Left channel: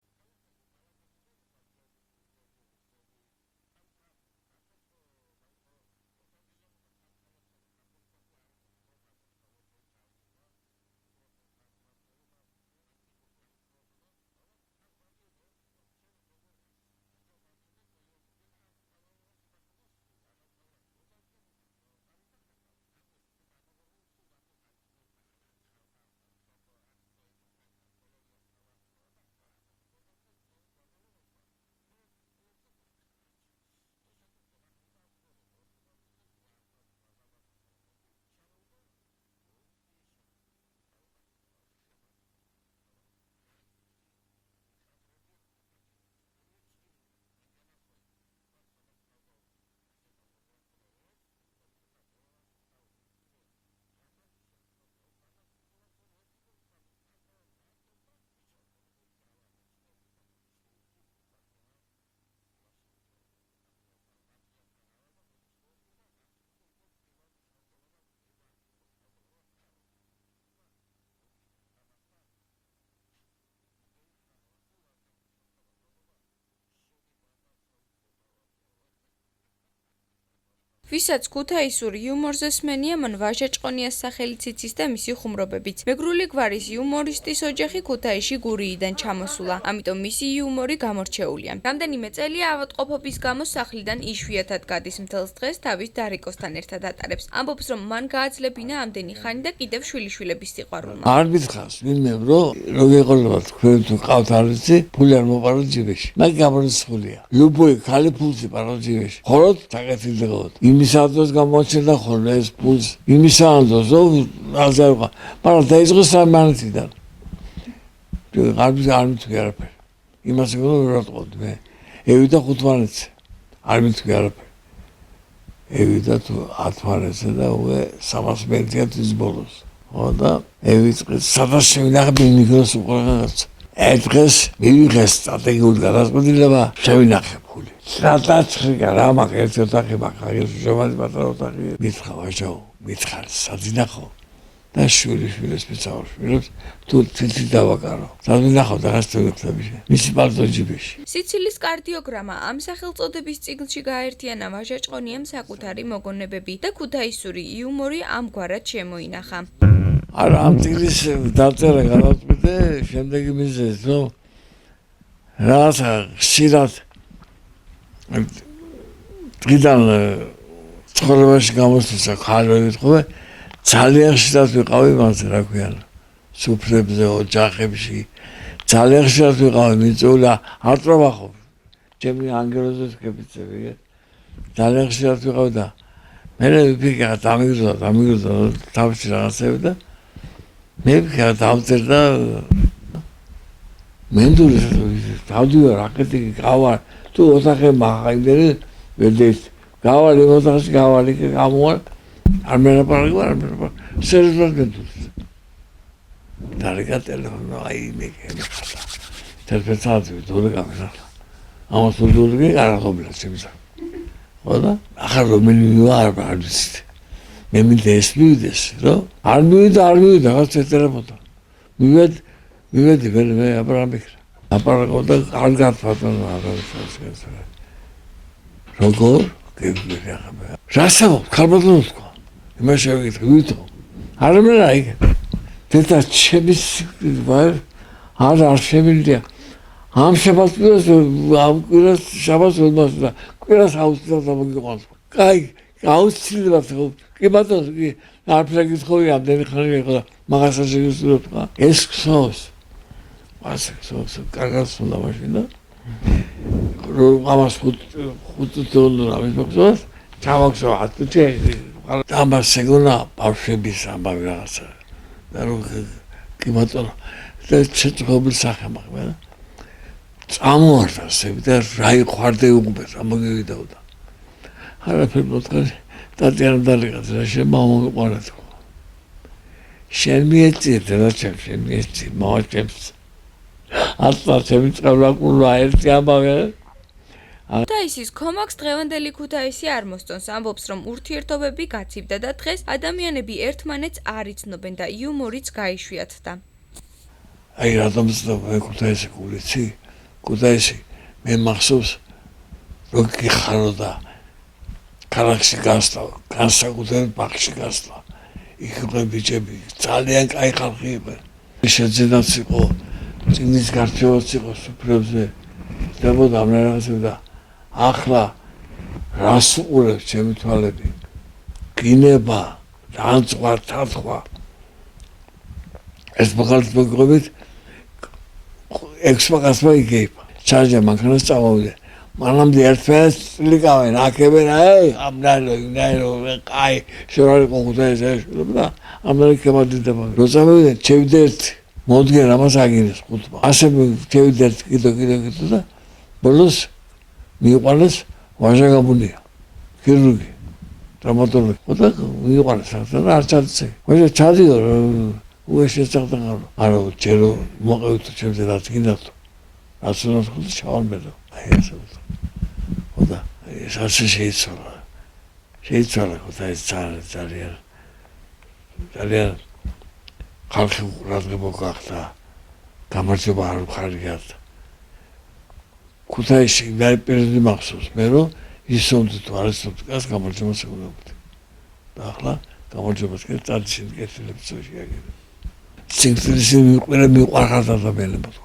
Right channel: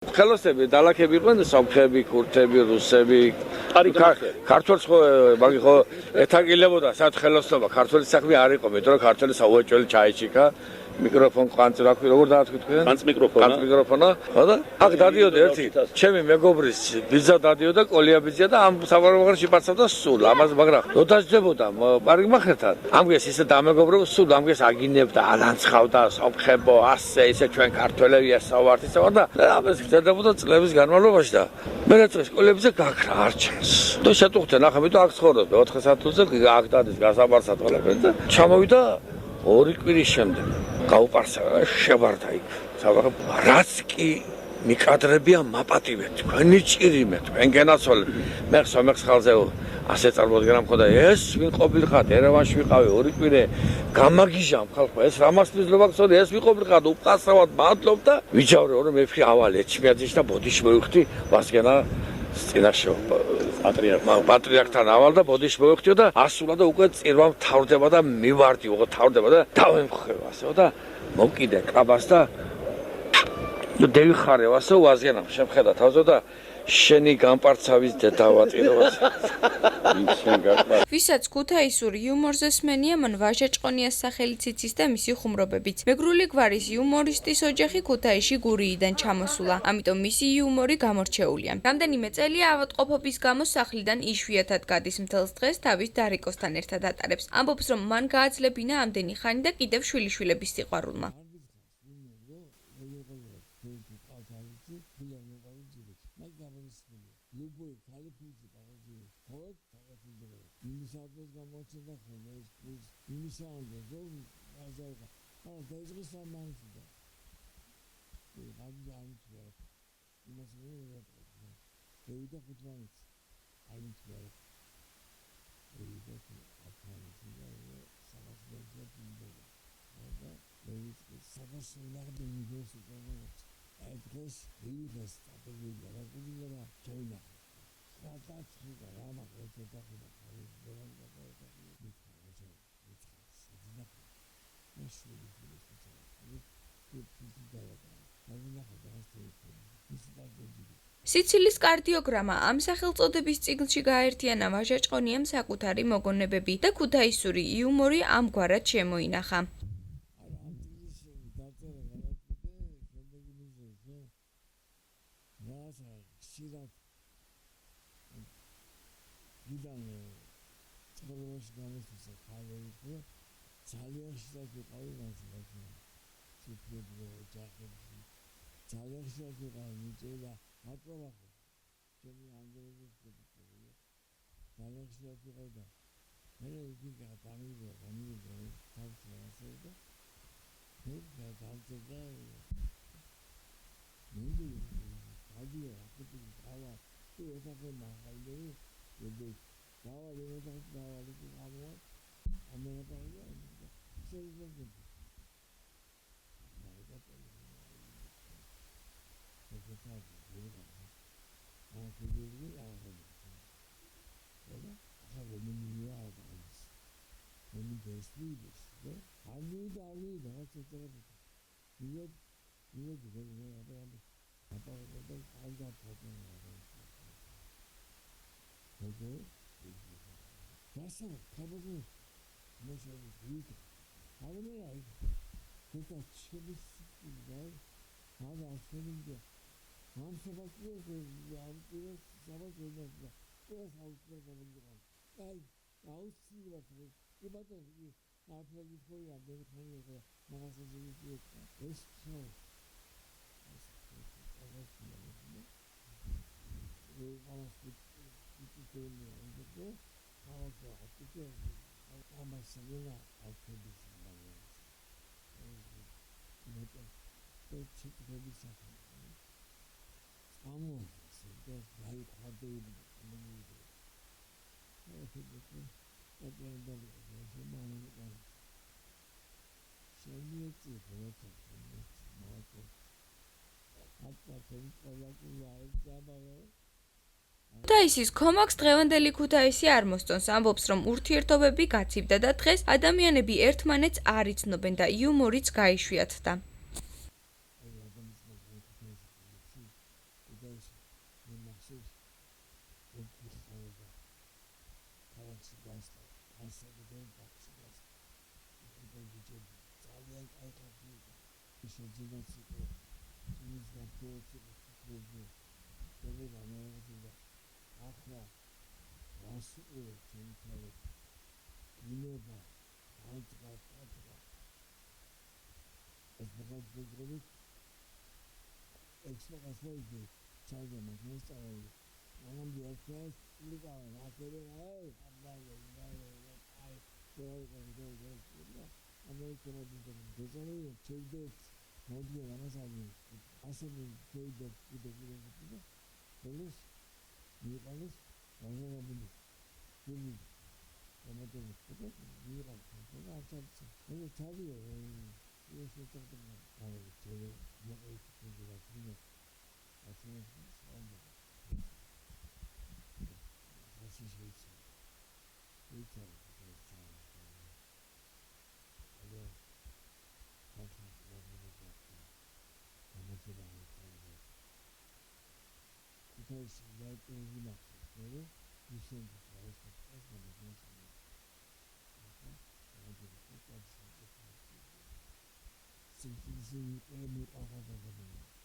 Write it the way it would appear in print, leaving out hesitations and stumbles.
ხელოსები, დალაქები იყვნენ, სომხები, ქურთები, რუსები. ქართველს ხო მაგი ხო ეთაგილებოდა სად ხელოსნობა, ქართველი საქმე არ იყო, მეტყვი რომ ქართველი საუეჭველი ჩაიჩიკა. მიკროფონ ყვანწი რა ქვია, როგორ დაათქვი თქვენ? ყვანწ მიკროფონა. ხო და? აქ დადიოდა ერთი, ჩემი მეგობრის ბიძა დადიოდა, კოლია ბიძა და ამ საბარბაღში პაცავდა სულ, ამას მაგრამ რო დაждდებოდა პარიგმახერთან. ამგეს ისე დამეგობრებო, სულ ამგეს აგინებდა, ალანცხავდა, სომხებო, ასე ისე ჩვენ ქართველები ასავართ ისე და ამას გრძელდებოდა წლების განმავლობაში და მე როცა სკოლებიზე გაქრა არჩენს. და შეტუხდა ნახე, მე და აქ ცხოვრობ 4 საათზე, აქ დადის გასაბარსად ყველაფერი და ჩამოვიდა 2 კვირის შემდეგ. გაუპარსა შევარდა იქ. საბაღე რაც კი მიკადრებია მაპატივეთ, თქვენი ჭირიმე, თქვენ გენაცვალეთ. მე სომეხს ხალხზე ასე წარმოდგენა მქონდა, ეს ვინ ყოფილიყავ, ერევანში ვიყავი 2 კვირე, გამაგიჟამ ხალხო, ეს რამასპირძლობა გწოდე, ეს ვიყოფილიყავ, უპასრავად მადლობ და ვიჯავრე, რომ მე ვხი ავალ ეჩმიაძეში და ბოდიში მოვიხდი, ვასგენა წინაშე პატრიარქთან ავალ და ბოდიში მოვიხდიო და ასულა და უკვე წირვა მთავრდება და მივარდი, უღო თავრდება და დავემხევ ასეო და მოვკიდე კაბას და დევიხარევ ასე ვაზიანამ შემხედა თავზე და შენი გამპარცავის დედავატირებას. ვისაც ქუთაისური იუმორზე სმენია, მან ვაჟაჭყონიას სახელით იცის და მისი ხუმრობებით. მეგრული გვარის იუმორისტის ოჯახი ქუთაისში გურიიდან ჩამოსულა, ამიტომ მისი იუმორი გამორჩეულია. რამდენიმე წელია ავადმყოფობის გამო სახლიდან იშვიათად გადის, მთელს დღეს თავის დარიკოსთან ერთად ატარებს. ამბობს, რომ მან გააძლებინა ამდენი ხანი და კიდევ შვილიშვილების სიყვარულმა. არ მითხავს ვინმე რო გეყოლება თქვენ თუ ყავთ არიცი, ფული არ მოპარო ჯიბეში. სხულია. ლუბოი ხალი ფულს იპარო ჯიბეში. ხოლოდ დაგეთილდებოდ. იმის ანდოს გამოჩენდა ხოლმე ეს ფულს. იმის ანდოს აზერვა. მაგრამ დაიწყო სამანეთიდან. არ მithქვი არაფერი. იმას ვერატყობდი მე. ევიდა ხუთმანეთზე. არ მithქვი არაფერი. ევიდა თუ 10 და უკვე 300 მეტია ის ბოლოს. ხო და ევიწყე სადაც შევინახე მიკროს უყურებს. დღეს მივიღეს სტრატეგიული გადაწყვეტილება შევინახე ფული. სადაც რა მაქვს ერთი ოთახი მაქვს, აგერ შევადი პატარა ოთახი. მითხრა ვაჟო, მითხარ საძინახო და შვილიშვილებს მიცავშვილებს თუ თითი დავაკარო. საძინახო და რას თვიქთები. მისი პალტო ჯიბეში. სიცილის კარდიოგრამა ამ სახელწოდების წიგნში გააერთიანა ვაჟაჭყონიამ საკუთარი მოგონებები და ქუთაისური იუმორი ამგვარად შემოინახა. არა ამ წიგნის დაწერა გადავწყვიტე შემდეგი მიზეზით, რომ რაღაცა ხშირად დღიდან ცხოვრებაში გამოსვლა ხალხი ვიტყვე, ძალიან ხშირად ვიყავი მასე, რა ქვია, სუფრებზე, ოჯახებში, ძალიან ხშირად ვიყავი მიწული, არ ტრაბახობ. ჩემი ანგელოზი სკეპიცები, ძალიან ხშირად ვიყავი და მე ვიფიქრე, დამიგრძო თავში რაღაცები და მე ვიქნა დავწერდა მენდური დავდივარ რაკეტი გავა თუ ოთახე მაღაიმდერი ვერდეთ გავალ ოთახში გავალი გამოვალ არ მერაპარაკი არ მერაპარაკი სერიოზულად მენდური დარიგა ტელეფონი აი მე თელეფონი დური გამიშა ამას დური არაღობლა შემისა ხო და ახლა რომ მე არ ვიცი მე მინდეს მივიდეს რომ არ მივიდა რაღაც ეწერებოდა მივედი მე აპარაკობდა კარგად ფატონო როგორ გეგმები ახლა რასაუბრ ქალბატონო თქვა იმას შევიკითხე ვითო არ მერაი დედა ჩემი ვარ არ შემიძლია ამ შაბათს ამ კვირას შაბათს ველმასა კვირას აუცილებლად მოგიყვანს კაი აუცილებლად კი ბატონო კი არ პრეგიტხოვი ამდენი ხანი იყო და მაგასაც შეგისურვებ ხა ეს ხსოვს ასე ხსოვს კარგად უნდა მაშინა რომ ამას ხუთ დოლარი ამის მოხსოვს ჩავახსო 10 წელი ამას შეგონა ბავშვების ამბავი რაღაცა და რომ კი ბატონო და შეწყობილ სახე მაგა წამოარდა სები და რა იყვარდე უყბეს ამოგივიდაოდა არაფერ მოწყარი ტატიანა დალიღაც რა შემომიყვანა თქო შენ მიეწირდა რა შენ მიეწირ მოაჭებს ატა შემიწყალაკულა ერთი ამბავე ქუთაისის კომაქს დღევანდელი ქუთაისი არ მოსწონს, ამბობს, რომ ურთიერთობები გაცივდა და დღეს ადამიანები ერთმანეთს არ იცნობენ და იუმორიც გაიშვიათდა. აი რატომ ვეკუთაისი გულიცი ქუთაისი მე მახსოვს რომ გიხარო და ქალაქში გასვლა, განსაკუთრებით ბაღში გასვლა. იქ იყო ბიჭები, ძალიან კაი ხალხი იყო. შეძენაც იყო, წინის გარჩევაც იყო სუფრებზე. ხდებოდა ამ რაღაცები და ახლა რას უყურებს ჩემი თვალები? გინება, განწყვა, თათხვა. ეს მაგალითად მოგყვებით, ექსპაგასმა იგეიფა. ჩარჯა მანქანას წავავიდა. მანამდე ერთმანეთს ლიკავენ, აქებენ, ამნაირო, კაი, შორარი ყუხუთაის ეშულებდა, ამნაირო კემადიდება. როცა მივიდა, ჩევიდა ერთი, მოდგენ ამას აგინეს ხუთმა. ასე ჩევიდა ერთი, კიდო და ბოლოს მიიყვანეს ვაჟა გაბუნია, ქირურგი, ტრამატოლოგი. ხოდა მიიყვანეს და არ ჩადიცე. ვაჟა ჩადიო, უეშეცახდა არა, ჯერო მოყევით ჩემზე რაც გინდათ. რაც უნდა ხუთი ჩავამბედო. აი ესე ვთქვა. ხოდა ეს ასე შეიცვალა. შეიცვალა ხოდა ეს ძალიან ხალხი ყურადღება გახდა. გამარჯობა არ ვხარგიათ. ქუთაისში პერიოდი მახსოვს მე რომ ისომდი თუ არ ისომდი გას გამარჯვებას ეუბნებოდი. და ახლა გამარჯვებას კი წადის კეთილებს წოში აგები. სინგლის მიყვარხარ ადამიანებო.